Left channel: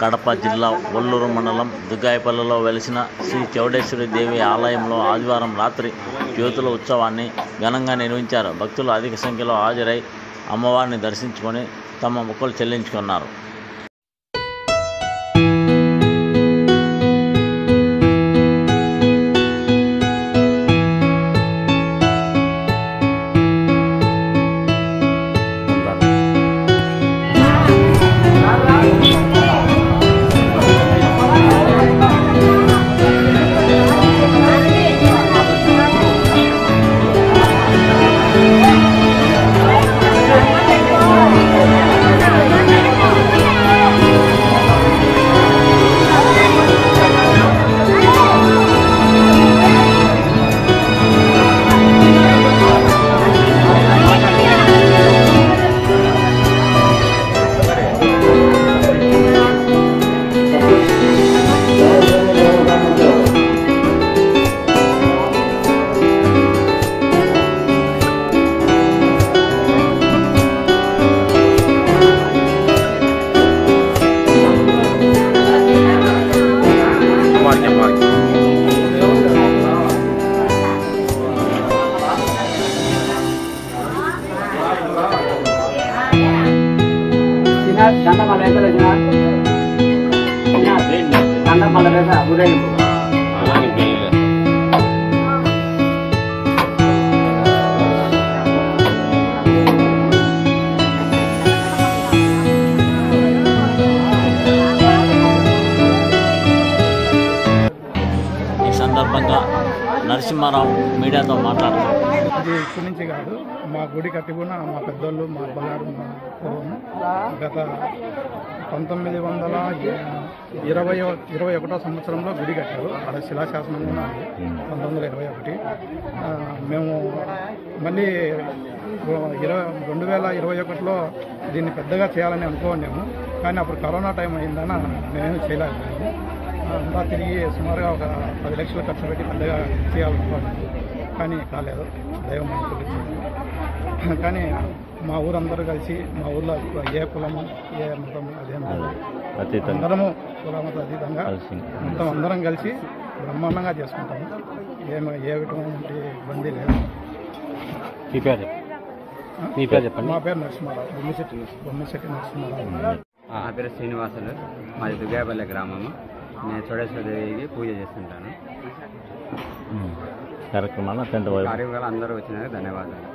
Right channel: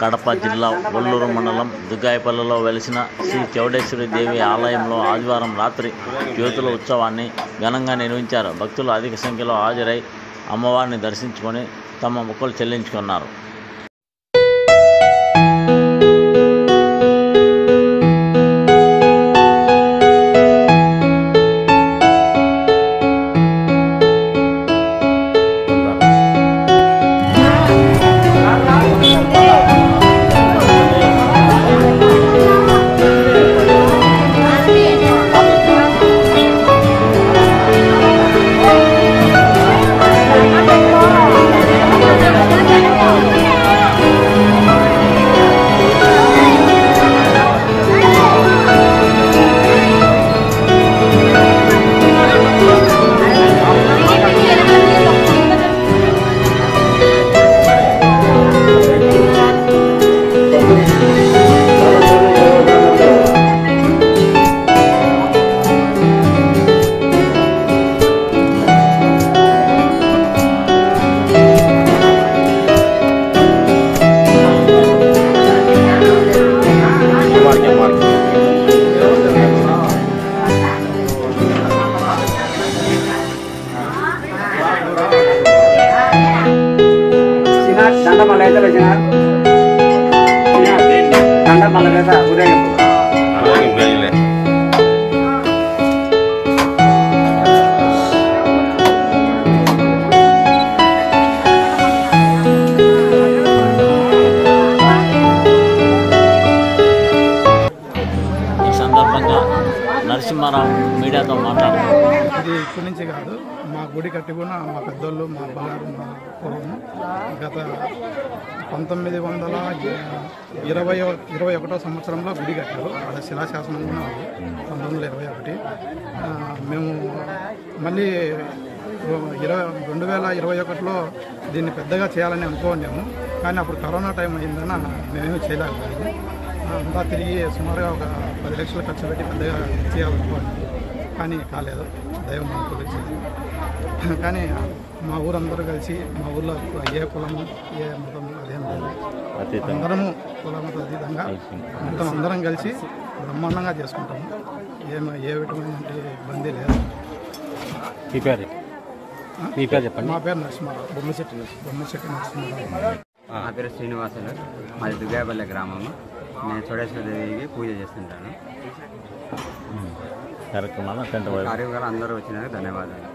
కడప జిల్లా ఒల్లూరు మండలం దుగ్గాయపల్లిలో వెలిసిన శ్రీ చౌడేశ్వరి దేవి ఆలయంలో ఆదివారం రాత్రి జ్యోతుల ఉత్సవాన్ని ఘనంగా నిర్వహించారు. భక్తులు అధిక సంఖ్యలో హాజరై అమ్మవారిని దర్శించుకొని తమ మొక్కులు చెల్లించుకున్నారు. ఈ సందర్భంగా నరసింహారావు మీడియాతో మాట్లాడుతూ, ఇది ఇప్పటి నుంచి కాదు, మా గుడి కట్టుకున్న మా పెద్దోళ్ళు, మా అబ్బగారు, మా పూర్వం గత 1921 సంవత్సరంలో గుడి కట్టారు. ఆడ శిలాశాసనం కూడా ఉంది 1921. మేము మళ్ళీ 2021లో దీన్ని పెద్దగా చేయాలని అనుకోండాము. కానీ అప్పుడు కరోనా టైం అయిందన మేమేమి చేయలేకపోయాము. అంతా తిరిగి సుమారుగా ఒక 10 లక్షలు ఖర్చు పెట్టి పెద్దగా చేయాలనుకోండి, కానీ కాలేదు. దైవం అనుకూలి చేయలేదు. కానీ మా ఊరందరూ కలిసి, మా ఊర్లో ఏ కులము ఏ మతం అదేం లేదు, అందరము కులమత అతీతంగా మొత్తం అందరం కలిసి బ్రహ్మాండంగా చేసుకుంటాము. ఏ విధమైన ఇబ్బంది లేదు. మా పేరు నరసింహారావు, బొమ్మిశెట్టి నరసింహారావు. నా పేరు శ్రీనివాసులు, మాది దుగ్గాయపల్లి గ్రామము. నేను చౌడేశ్వరి దేవికి పూజ చేస్తుంటాను. కార్యక్రమాలు అందరూ వచ్చినందుకు ధన్యవాదాలు.